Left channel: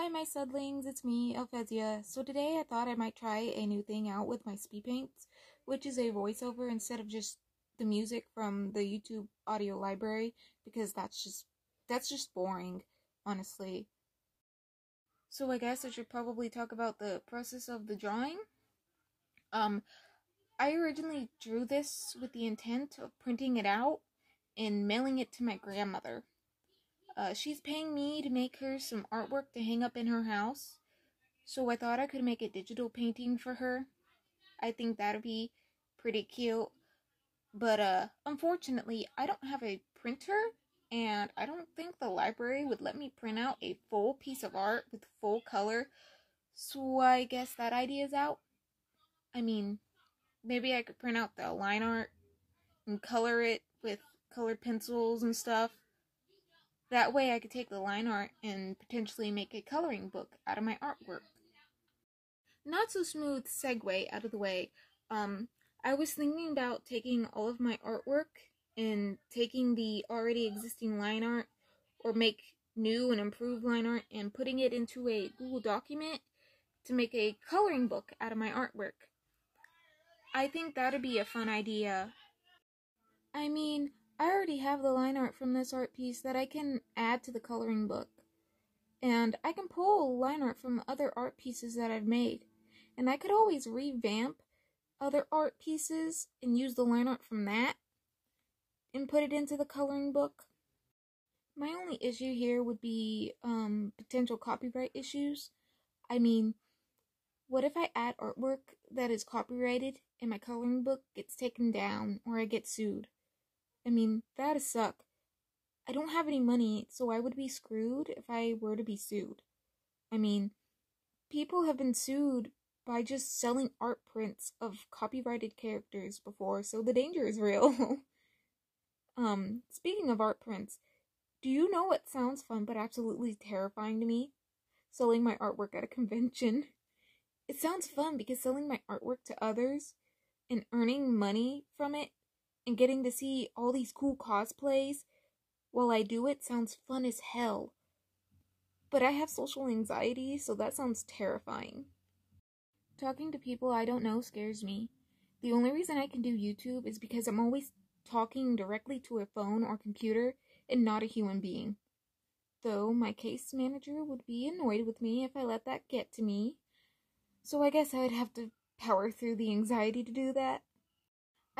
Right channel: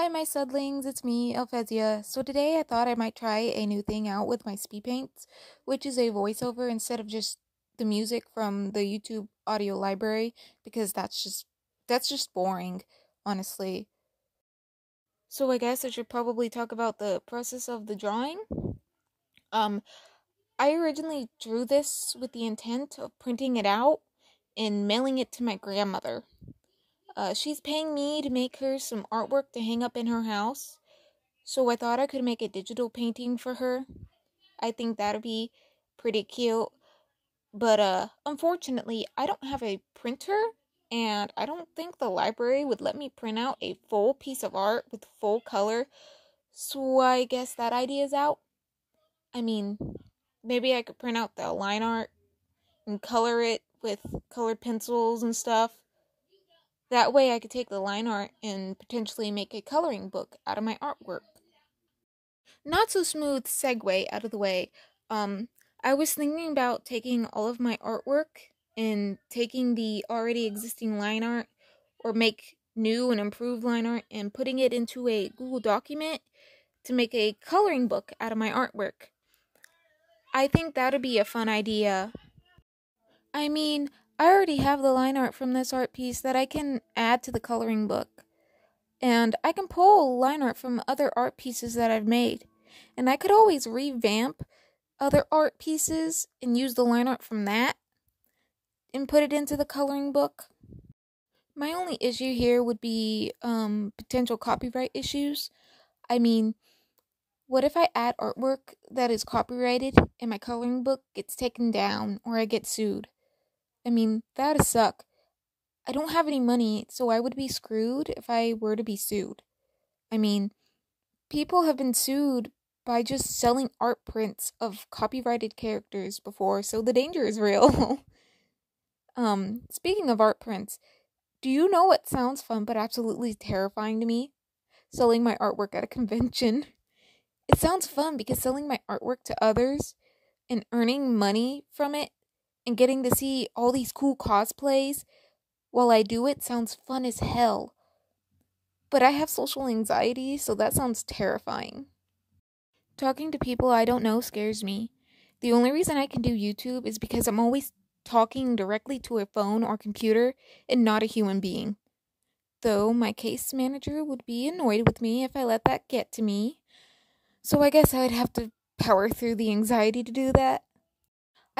Hi, my Sudlings, it's me, Hetalia. So today I thought I might try a new thing out with my speed paints, which is a voiceover instead of just the music from the YouTube audio library, because that's just boring, honestly. So I guess I should probably talk about the process of the drawing. Um, I originally drew this with the intent of printing it out and mailing it to my grandmother. She's paying me to make her some artwork to hang up in her house. So I thought I could make a digital painting for her. I think that'd be pretty cute. But unfortunately, I don't have a printer, and I don't think the library would let me print out a full piece of art with full color. So I guess that idea's out. I mean, maybe I could print out the line art and color it with colored pencils and stuff. That way I could take the line art and potentially make a coloring book out of my artwork. Not so smooth segue out of the way. I was thinking about taking all of my artwork and taking the already existing line art or make new and improved line art and putting it into a Google document to make a coloring book out of my artwork. I think that'd be a fun idea. I mean, I already have the line art from this art piece that I can add to the coloring book. And I can pull line art from other art pieces that I've made. And I could always revamp other art pieces and use the line art from that and put it into the coloring book. My only issue here would be potential copyright issues. I mean, what if I add artwork that is copyrighted and my coloring book gets taken down or I get sued? I mean, that'd suck. I don't have any money, so I would be screwed if I were to be sued. I mean, people have been sued by just selling art prints of copyrighted characters before, so the danger is real. Speaking of art prints, do you know what sounds fun but absolutely terrifying to me? Selling my artwork at a convention. It sounds fun because selling my artwork to others and earning money from it and getting to see all these cool cosplays while I do it sounds fun as hell. But I have social anxiety, so that sounds terrifying. Talking to people I don't know scares me. The only reason I can do YouTube is because I'm always talking directly to a phone or computer and not a human being. Though my case manager would be annoyed with me if I let that get to me. So I guess I'd have to power through the anxiety to do that.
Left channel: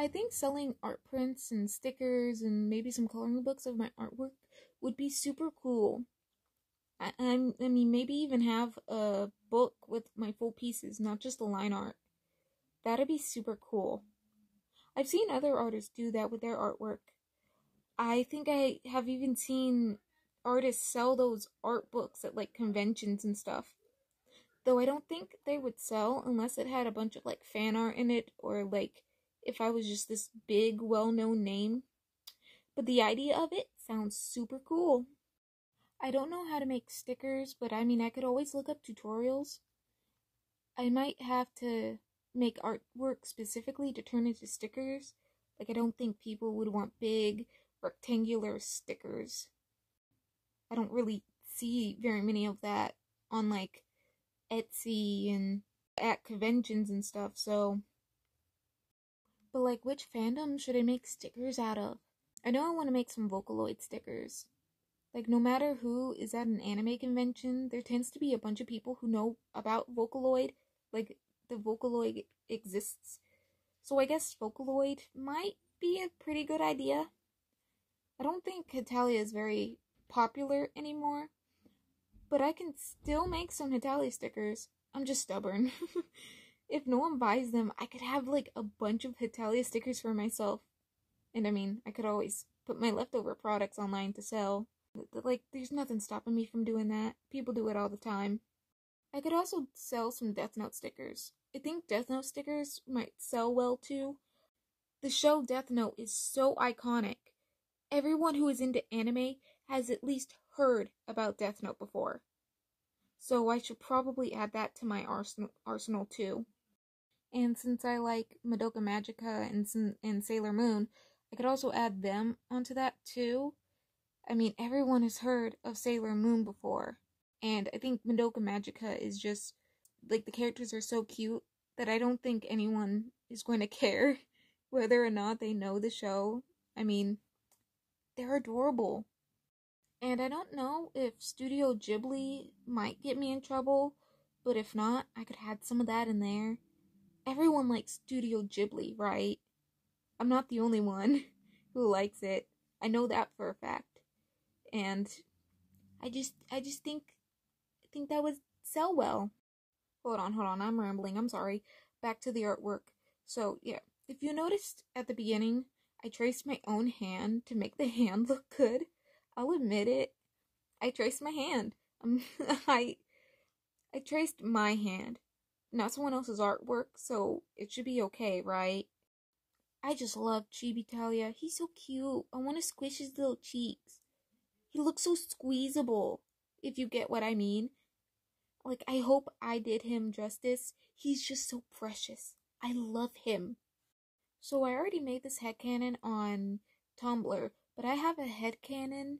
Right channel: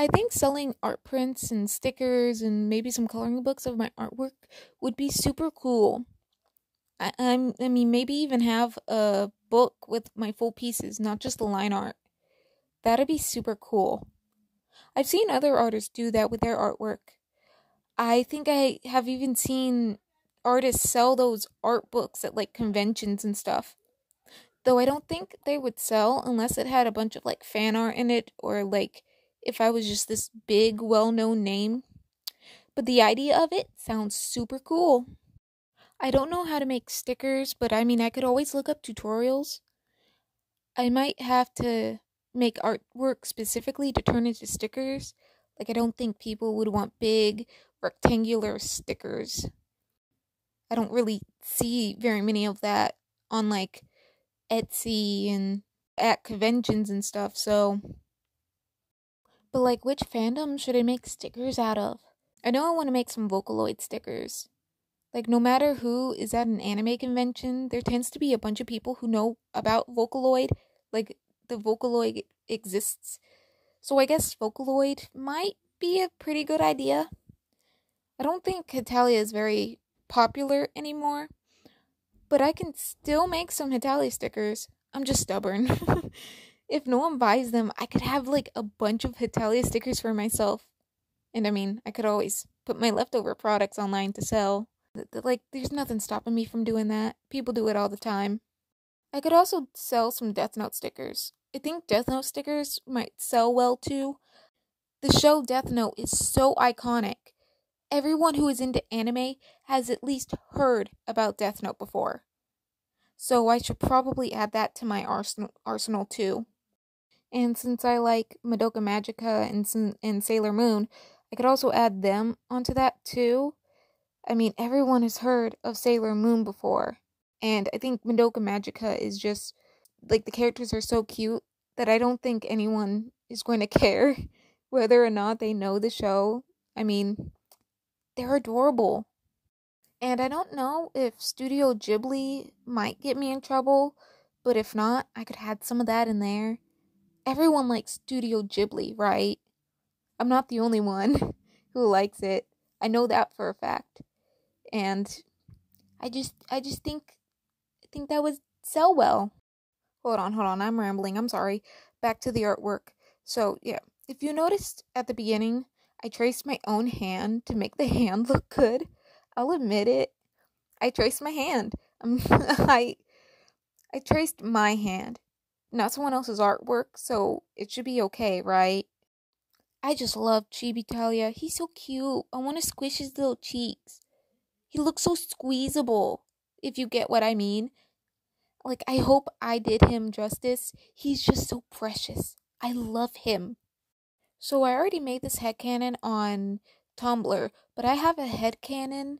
I think selling art prints and stickers and maybe some coloring books of my artwork would be super cool. I mean, maybe even have a book with my full pieces, not just the line art. That'd be super cool. I've seen other artists do that with their artwork. I think I have even seen artists sell those art books at like conventions and stuff. Though I don't think they would sell unless it had a bunch of like fan art in it or like if I was just this big well-known name. But the idea of it sounds super cool. I don't know how to make stickers, but I mean I could always look up tutorials. I might have to make artwork specifically to turn into stickers. Like, I don't think people would want big, rectangular stickers. I don't really see very many of that on, like, Etsy and at conventions and stuff, so. But, like, which fandom should I make stickers out of? I know I want to make some Vocaloid stickers. Like, no matter who is at an anime convention, there tends to be a bunch of people who know about Vocaloid. Like, the Vocaloid exists. So I guess Vocaloid might be a pretty good idea. I don't think Hetalia is very popular anymore, but I can still make some Hetalia stickers. I'm just stubborn. If no one buys them, I could have like a bunch of Hetalia stickers for myself. And I mean, I could always put my leftover products online to sell. Like, there's nothing stopping me from doing that. People do it all the time. I could also sell some Death Note stickers. I think Death Note stickers might sell well too. The show Death Note is so iconic. Everyone who is into anime has at least heard about Death Note before. So I should probably add that to my arsenal too. And since I like Madoka Magica and Sailor Moon, I could also add them onto that too. I mean, everyone has heard of Sailor Moon before. And I think Madoka Magica is just, like, the characters are so cute that I don't think anyone is going to care whether or not they know the show. I mean, they're adorable. And I don't know if Studio Ghibli might get me in trouble, but if not, I could add some of that in there. Everyone likes Studio Ghibli, right? I'm not the only one who likes it. I know that for a fact. And I just think that would sell well. Hold on, I'm rambling. I'm sorry. Back to the artwork. So, yeah, if you noticed at the beginning, I traced my own hand to make the hand look good. I'll admit it. I traced my hand. I I traced my hand, not someone else's artwork, so it should be okay, right? I just love Chibitalia. He's so cute. I want to squish his little cheeks. He looks so squeezable, if you get what I mean. Like, I hope I did him justice. He's just so precious. I love him. So I already made this headcanon on Tumblr, but I have a headcanon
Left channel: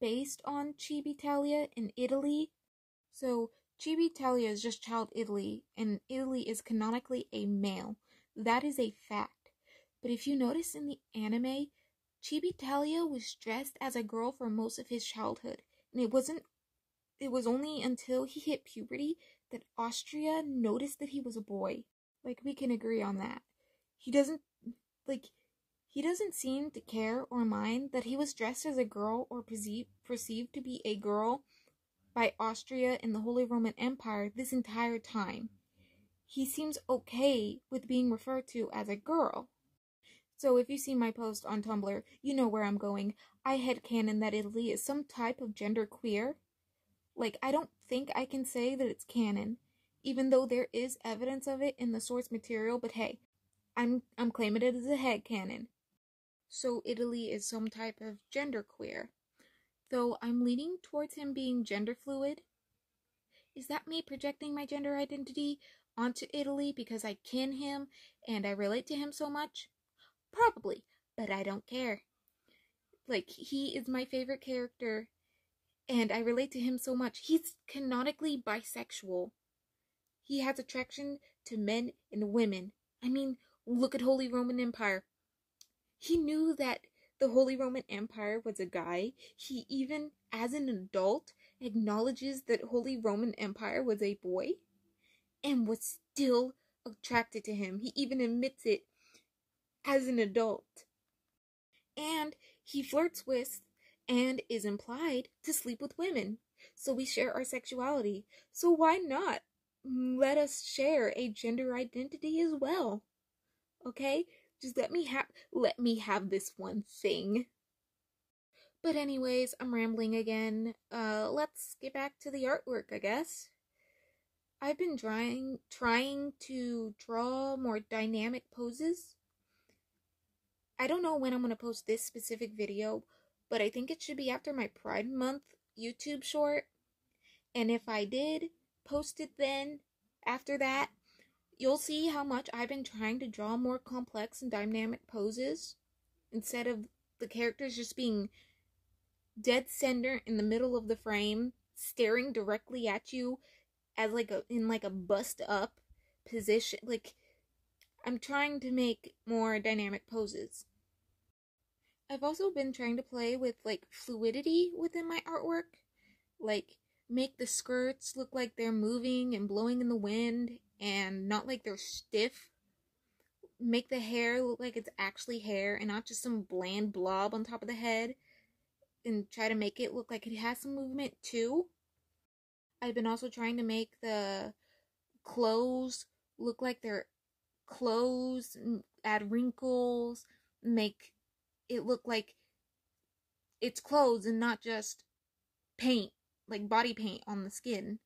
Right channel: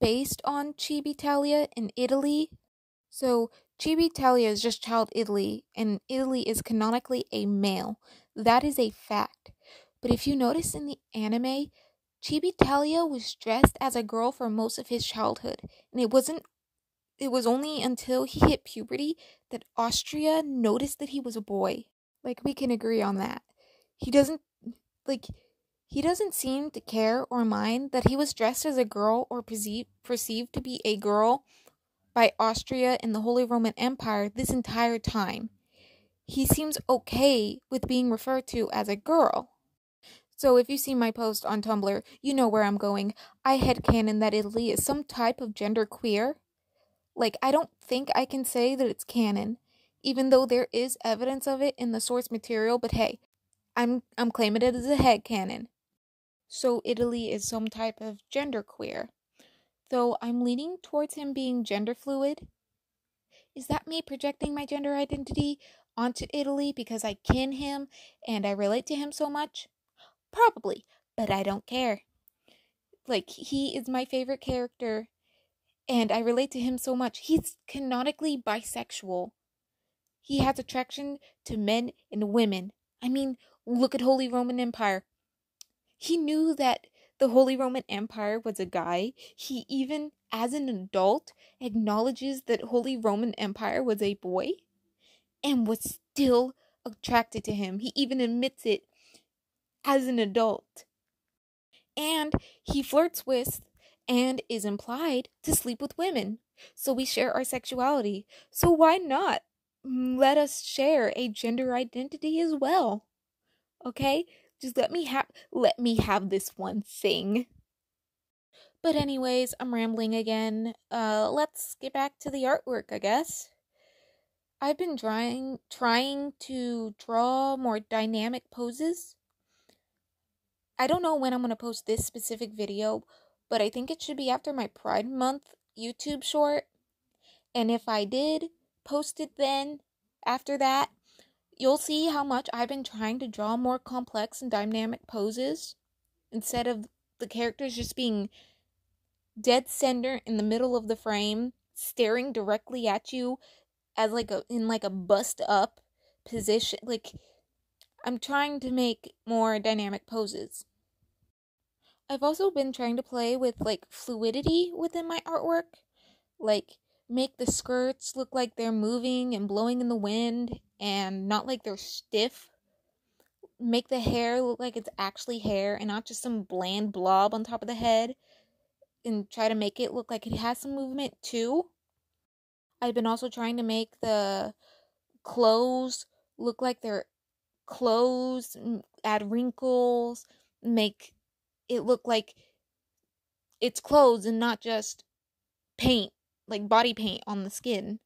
based on Chibitalia in Italy. So Chibitalia is just child Italy, and Italy is canonically a male. That is a fact. But if you notice in the anime, Chibitalia was dressed as a girl for most of his childhood, and it was only until he hit puberty that Austria noticed that he was a boy. Like, we can agree on that. He doesn't like he doesn't seem to care or mind that he was dressed as a girl or perceived to be a girl by Austria and the Holy Roman Empire this entire time. He seems okay with being referred to as a girl. So if you see my post on Tumblr, you know where I'm going. I headcanon that Italy is some type of gender queer. Like, I don't think I can say that it's canon, even though there is evidence of it in the source material, but hey, I'm claiming it as a headcanon. So Italy is some type of gender queer. Though I'm leaning towards him being gender fluid. Is that me projecting my gender identity onto Italy because I kin him and I relate to him so much? Probably, but I don't care. Like, he is my favorite character and I relate to him so much. He's canonically bisexual. He has attraction to men and women. I mean, look at Holy Roman Empire. He knew that the Holy Roman Empire was a guy. He even, as an adult, acknowledges that Holy Roman Empire was a boy and was still attracted to him. He even admits it as an adult. And he flirts with and is implied to sleep with women. So we share our sexuality. So why not let us share a gender identity as well? Okay? Just let me have this one thing. But anyways, I'm rambling again. Let's get back to the artwork, I guess. I've been trying to draw more dynamic poses. I don't know when I'm going to post this specific video, but I think it should be after my Pride Month YouTube short. And if I did post it then, after that, you'll see how much I've been trying to draw more complex and dynamic poses instead of the characters just being dead center in the middle of the frame, staring directly at you as in a bust up position. Like, I'm trying to make more dynamic poses. I've also been trying to play with like fluidity within my artwork, like make the skirts look like they're moving and blowing in the wind and not like they're stiff. Make the hair look like it's actually hair and not just some bland blob on top of the head, and try to make it look like it has some movement too. I've been also trying to make the clothes look like they're clothes, add wrinkles, make it look like it's clothes and not just paint, like body paint on the skin.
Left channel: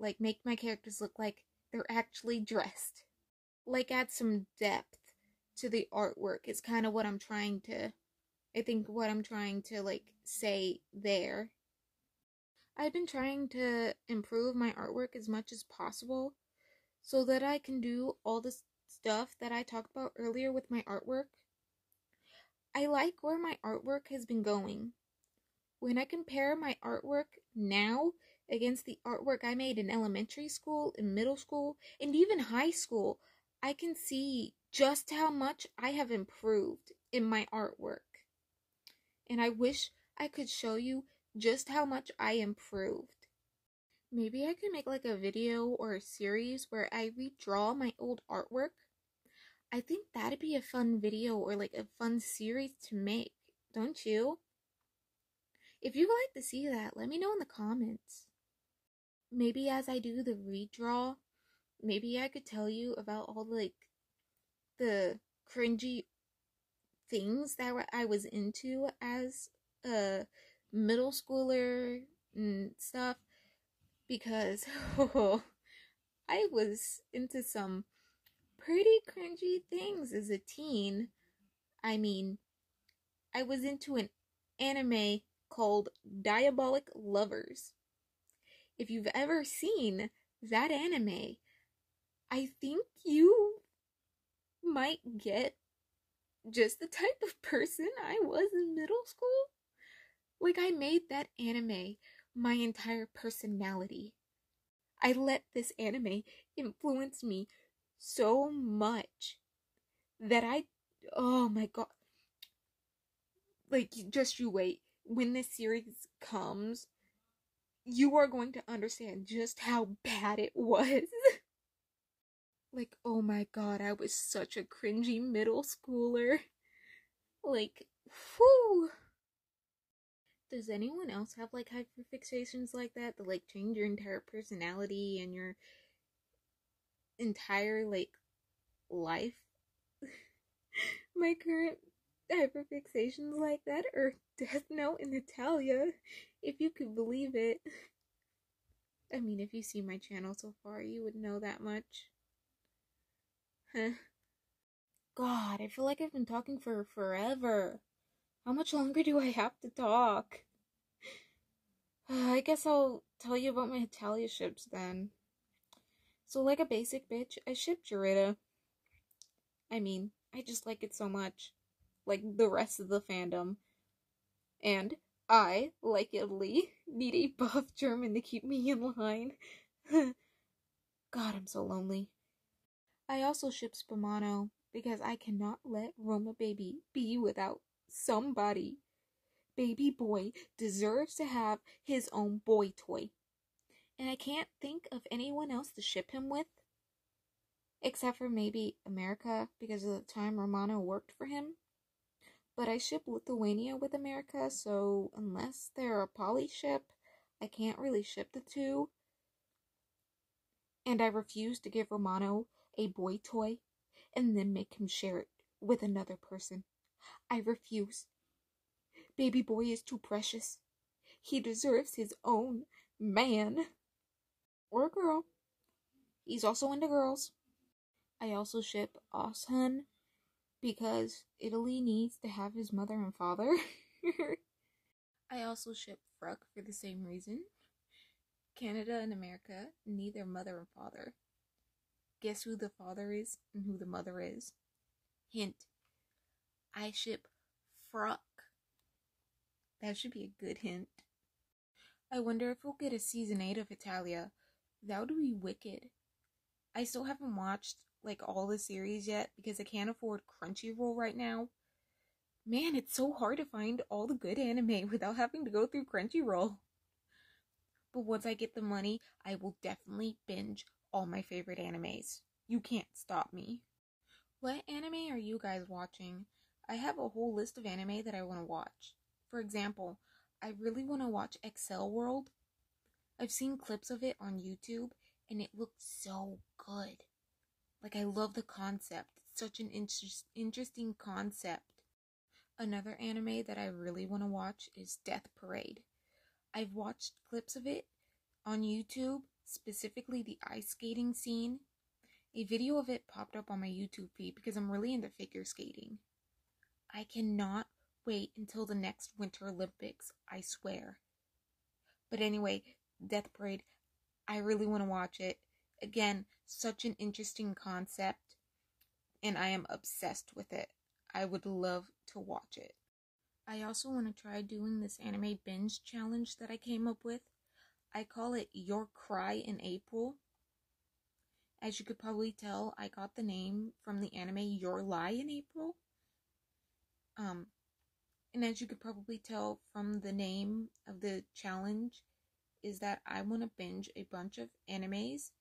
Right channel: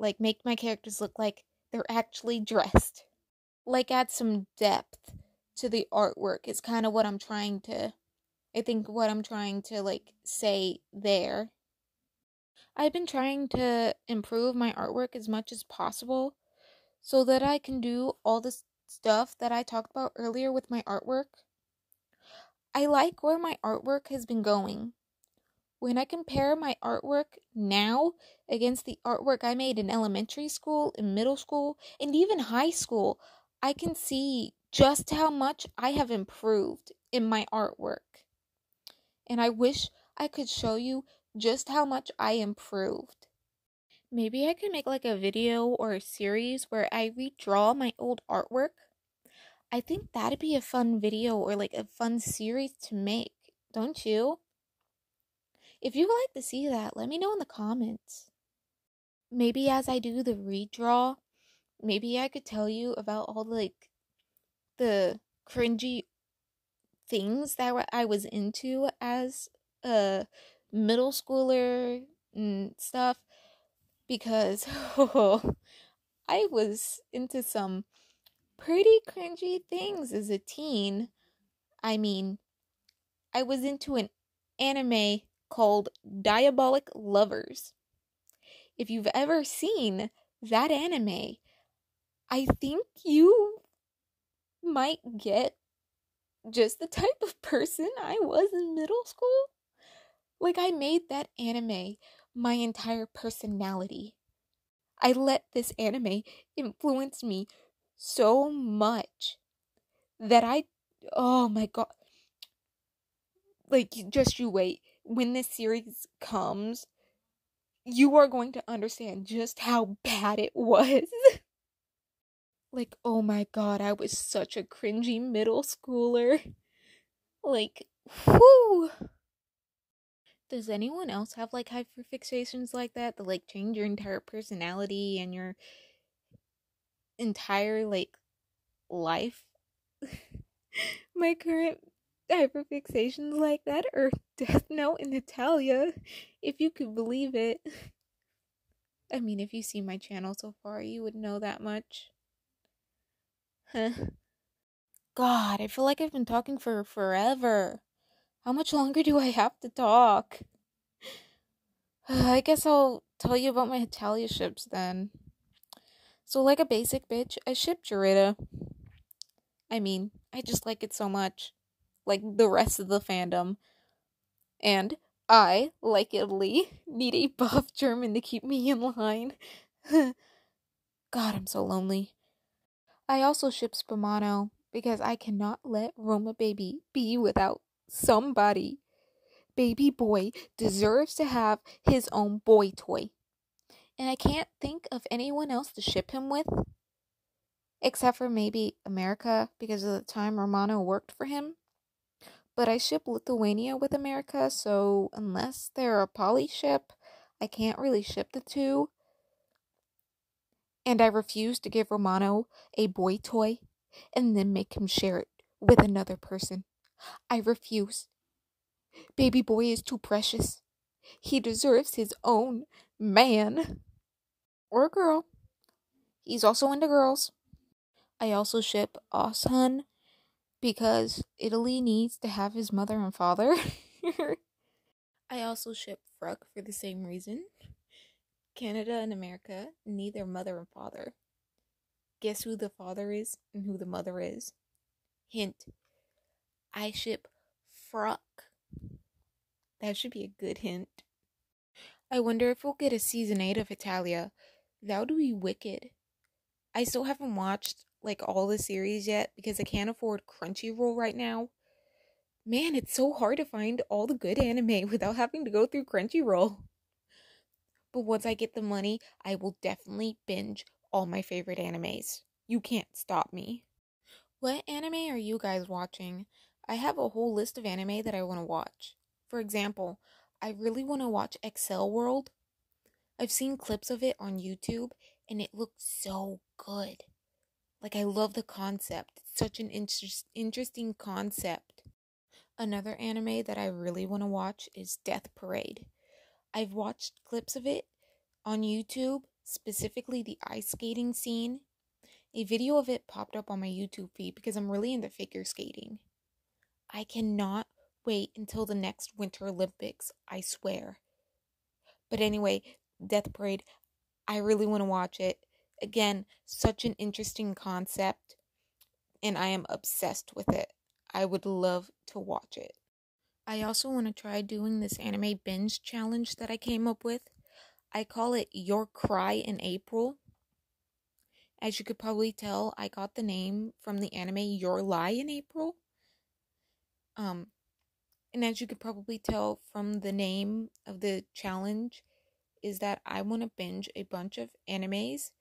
Like, make my characters look like they're actually dressed. Like, add some depth to the artwork is kind of what I'm trying to, like, say there. I've been trying to improve my artwork as much as possible so that I can do all this stuff that I talked about earlier with my artwork. I like where my artwork has been going. When I compare my artwork now against the artwork I made in elementary school, in middle school, and even high school, I can see just how much I have improved in my artwork. And I wish I could show you just how much I improved. Maybe I could make like a video or a series where I redraw my old artwork. I think that'd be a fun video or like a fun series to make, don't you? If you would like to see that, let me know in the comments. Maybe as I do the redraw, maybe I could tell you about all the cringy things that I was into as a middle schooler and stuff, because I was into some pretty cringy things as a teen. I mean, I was into an anime called Diabolic Lovers. If you've ever seen that anime, I think you might get just the type of person I was in middle school. Like, I made that anime my entire personality. I let this anime influence me so much that oh my god. Like, just you wait. When this series comes, you are going to understand just how bad it was. Like, oh my god, I was such a cringy middle schooler. Like, whoo. Does anyone else have like hyperfixations like that like change your entire personality and your entire like life? My current hyperfixations like that are Death Note and Hetalia, if you could believe it. I mean, if you see my channel so far, you would know that much. Huh. God, I feel like I've been talking for forever. How much longer do I have to talk? I guess I'll tell you about my Hetalia ships then. So, like a basic bitch, I ship Jurita. I mean, I just like it so much. Like the rest of the fandom. And I, like Italy, need a buff German to keep me in line. God, I'm so lonely. I also ship Spumano because I cannot let Roma Baby be without somebody. Baby boy deserves to have his own boy toy. And I can't think of anyone else to ship him with. Except for maybe America, because of the time Romano worked for him. But I ship Lithuania with America, so unless they're a poly ship, I can't really ship the two. And I refuse to give Romano a boy toy and then make him share it with another person. I refuse. Baby boy is too precious. He deserves his own man. Or girl. He's also into girls. I also ship Oshun because Italy needs to have his mother and father. I also ship Fruck for the same reason. Canada and America need their mother and father. Guess who the father is and who the mother is? Hint. I ship Fruck. That should be a good hint. I wonder if we'll get a season 8 of Hetalia. That would be wicked. I still haven't watched like all the series yet because I can't afford Crunchyroll right now. Man, it's so hard to find all the good anime without having to go through Crunchyroll. But once I get the money, I will definitely binge all my favorite animes. You can't stop me. What anime are you guys watching? I have a whole list of anime that I want to watch. For example, I really want to watch Excel World. I've seen clips of it on YouTube and it looks so good. Like, I love the concept. It's such an interesting concept. Another anime that I really want to watch is Death Parade. I've watched clips of it on YouTube, specifically the ice skating scene. A video of it popped up on my YouTube feed because I'm really into figure skating. I cannot wait until the next Winter Olympics, I swear. But anyway, Death Parade, I really want to watch it. Again, such an interesting concept, and I am obsessed with it. I would love to watch it. I also want to try doing this anime binge challenge that I came up with. I call it Your Cry in April. As you could probably tell, I got the name from the anime Your Lie in April. And as you could probably tell from the name of the challenge, is that I want to binge a bunch of animes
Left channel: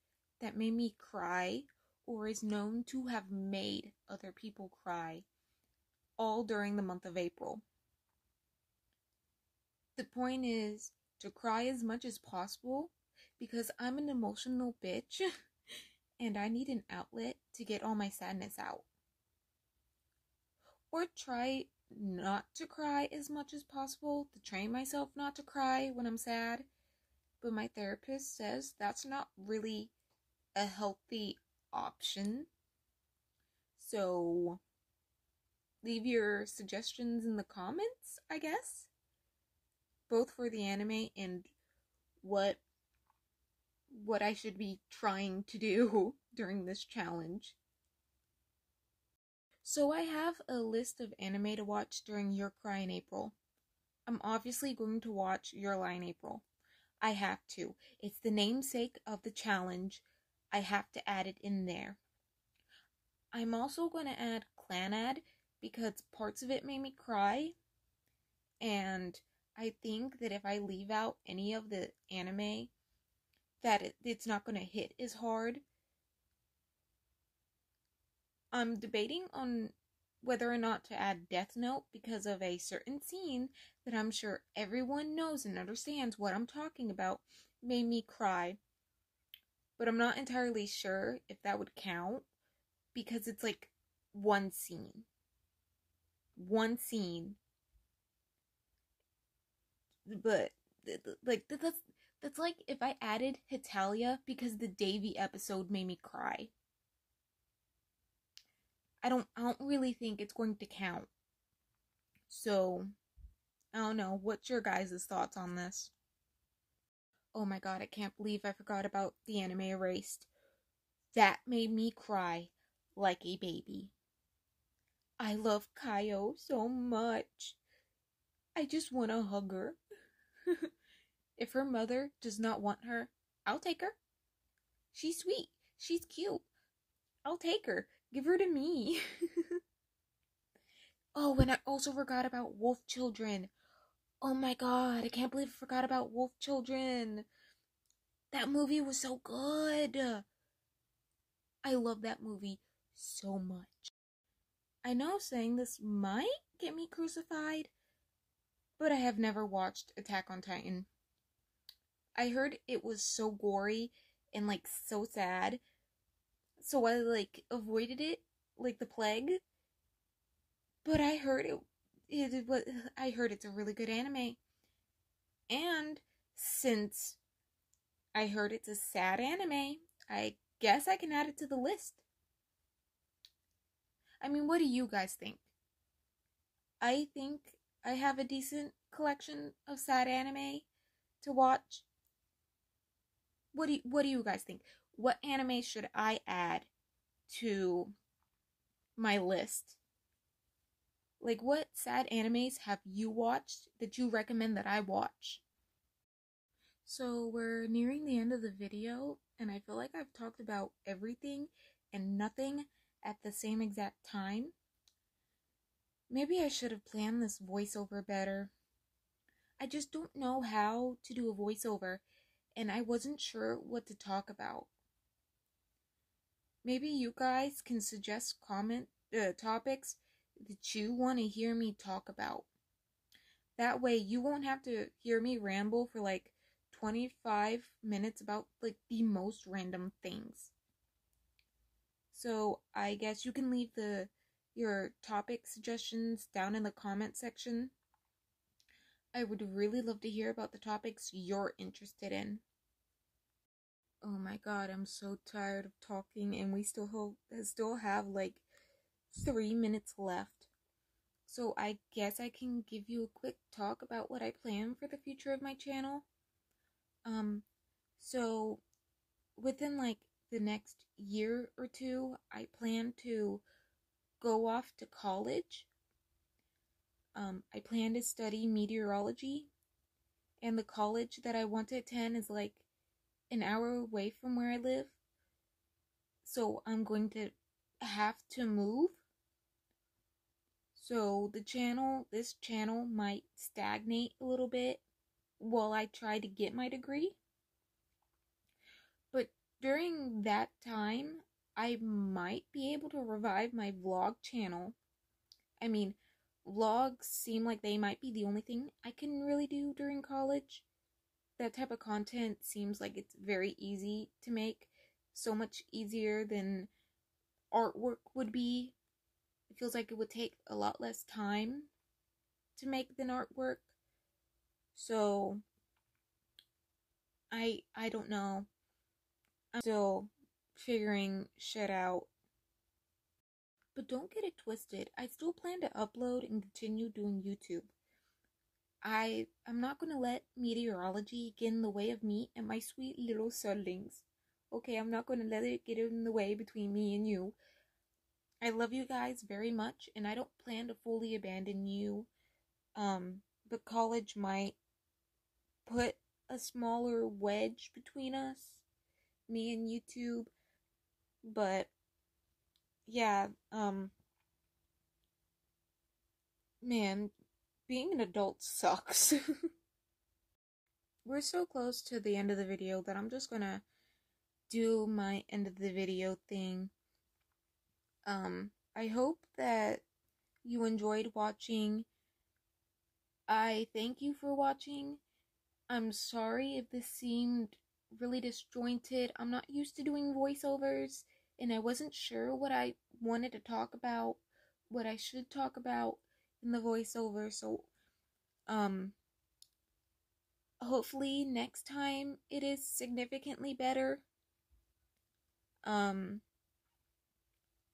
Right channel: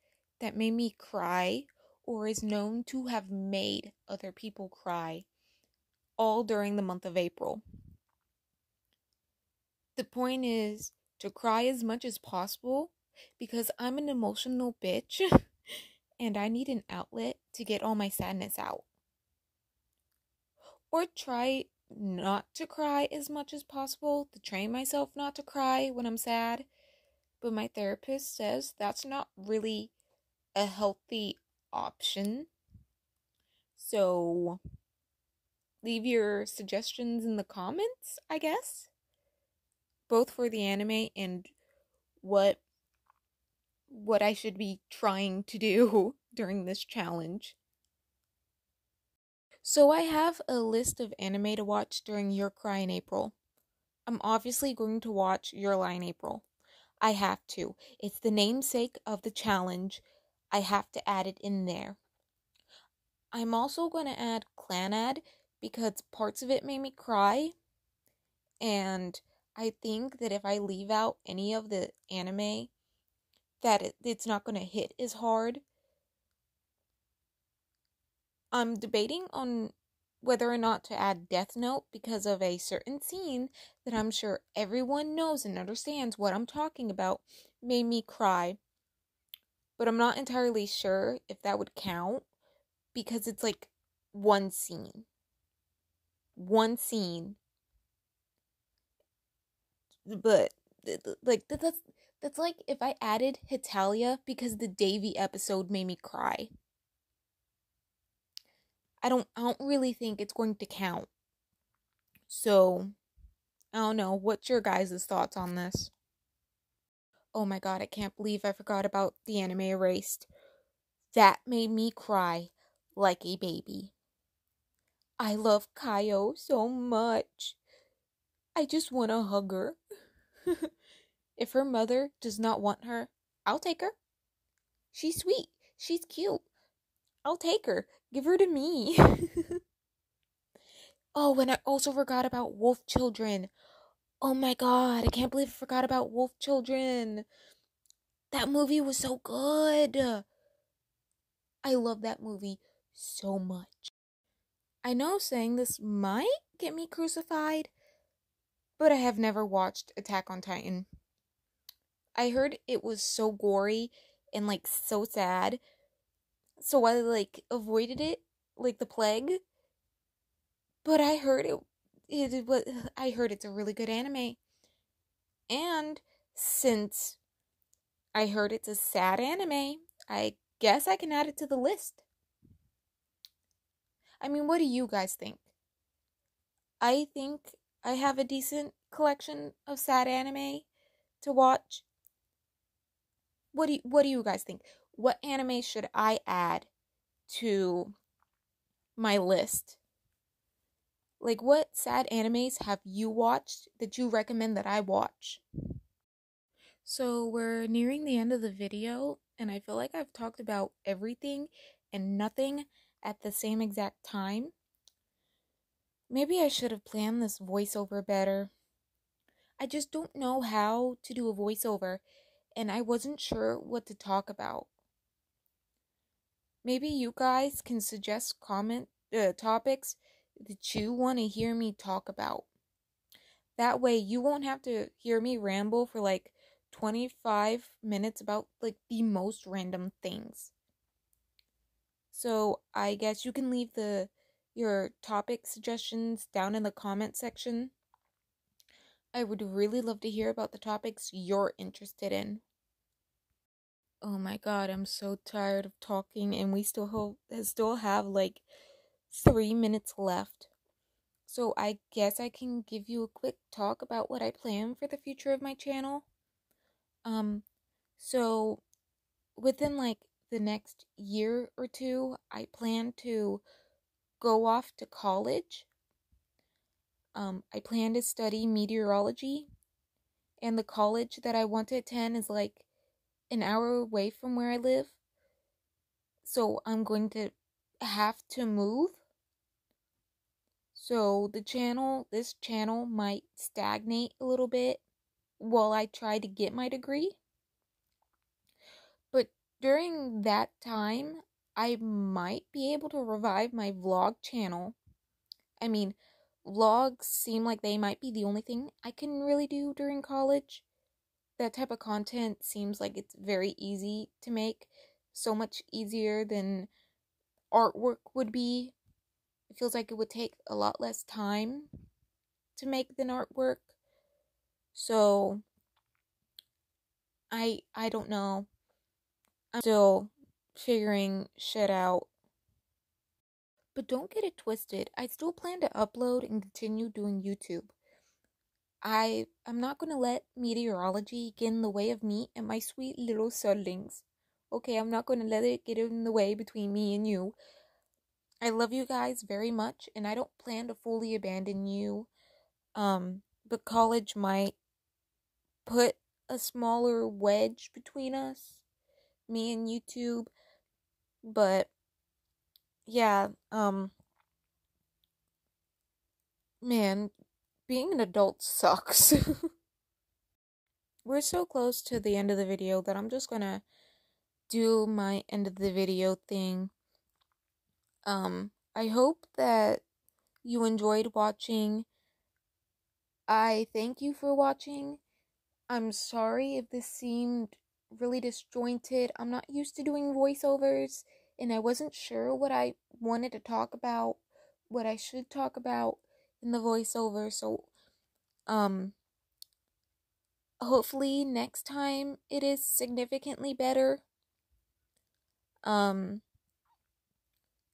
that made me cry or is known to have made other people cry, all during the month of April. The point is to cry as much as possible because I'm an emotional bitch and I need an outlet to get all my sadness out. Or try not to cry as much as possible, to train myself not to cry when I'm sad. But my therapist says that's not really a healthy option. So leave your suggestions in the comments, I guess. Both for the anime and what I should be trying to do during this challenge. So I have a list of anime to watch during Your Cry in April. I'm obviously going to watch Your Lie in April. I have to. It's the namesake of the challenge. I have to add it in there. I'm also going to add Clanad because parts of it made me cry. And I think that if I leave out any of the anime, that it's not going to hit as hard. I'm debating on whether or not to add Death Note because of a certain scene that I'm sure everyone knows and understands what I'm talking about made me cry. But I'm not entirely sure if that would count because it's like one scene. One scene. But like that's like if I added Hetalia because the Davy episode made me cry. I don't really think it's going to count. So, I don't know. What's your guys' thoughts on this? Oh my god, I can't believe I forgot about the anime Erased. That made me cry like a baby. I love Kaio so much. I just want to hug her. If her mother does not want her, I'll take her. She's sweet. She's cute. I'll take her. Give her to me. Oh, and I also forgot about Wolf Children. Oh my god, I can't believe I forgot about Wolf Children. That movie was so good. I love that movie so much. I know saying this might get me crucified, but I have never watched Attack on Titan. I heard it was so gory and like so sad, so I like avoided it like the plague. But I heard I heard it's a really good anime. And since I heard it's a sad anime, I guess I can add it to the list. I mean, what do you guys think? I think I have a decent collection of sad anime to watch. What do you guys think? What anime should I add to my list? Like, what sad animes have you watched that you recommend that I watch? So we're nearing the end of the video, and I feel like I've talked about everything and nothing at the same exact time. Maybe I should have planned this voiceover better. I just don't know how to do a voiceover, and I wasn't sure what to talk about. Maybe you guys can suggest topics that you want to hear me talk about. That way you won't have to hear me ramble for like 25 minutes about like the most random things. So I guess you can leave your topic suggestions down in the comment section. I would really love to hear about the topics you're interested in. Oh my god, I'm so tired of talking, and we still have like 3 minutes left. So I guess I can give you a quick talk about what I plan for the future of my channel. So within like the next year or two, I plan to go off to college. I plan to study meteorology, and the college that I want to attend is like an hour away from where I live. So I'm going to have to move. So this channel might stagnate a little bit while I try to get my degree. But during that time, I might be able to revive my vlog channel. I mean, vlogs seem like they might be the only thing I can really do during college. That type of content seems like it's very easy to make, so much easier than artwork would be. It feels like it would take a lot less time to make than artwork. So I don't know. I'm still figuring shit out. But don't get it twisted. I still plan to upload and continue doing YouTube. I'm not going to let meteorology get in the way of me and my sweet little sullings. Okay, I'm not going to let it get in the way between me and you. I love you guys very much, and I don't plan to fully abandon you. But college might put a smaller wedge between us, me and YouTube. But yeah, man, being an adult sucks. We're so close to the end of the video that I'm just gonna do my end of the video thing. I hope that you enjoyed watching. I thank you for watching. I'm sorry if this seemed really disjointed. I'm not used to doing voiceovers, and I wasn't sure what I wanted to talk about, what I should talk about in the voiceover. So, hopefully next time it is significantly better.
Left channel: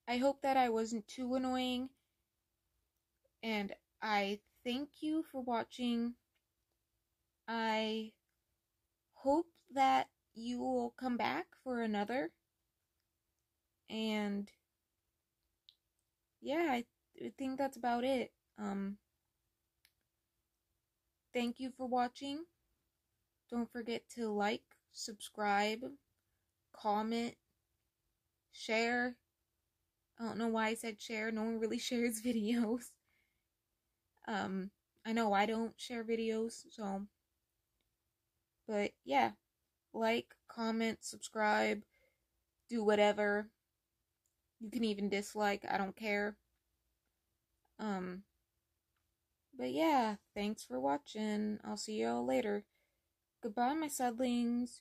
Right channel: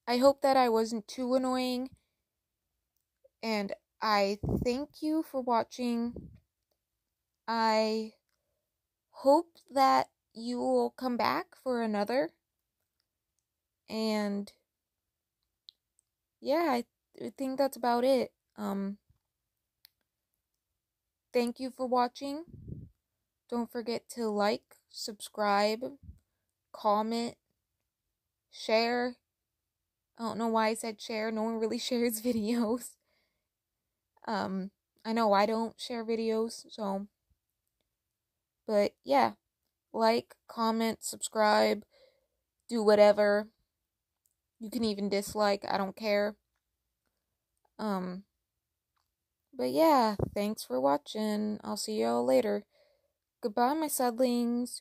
I hope that I wasn't too annoying, and I thank you for watching. I hope that you will come back for another, and yeah, I think that's about it. Thank you for watching. Don't forget to like, subscribe, comment, share. I don't know why I said share. No one really shares videos. I know I don't share videos, so. But yeah, like, comment, subscribe, do whatever. You can even dislike, I don't care. But yeah, thanks for watching. I'll see y'all later. Goodbye, my suddlings.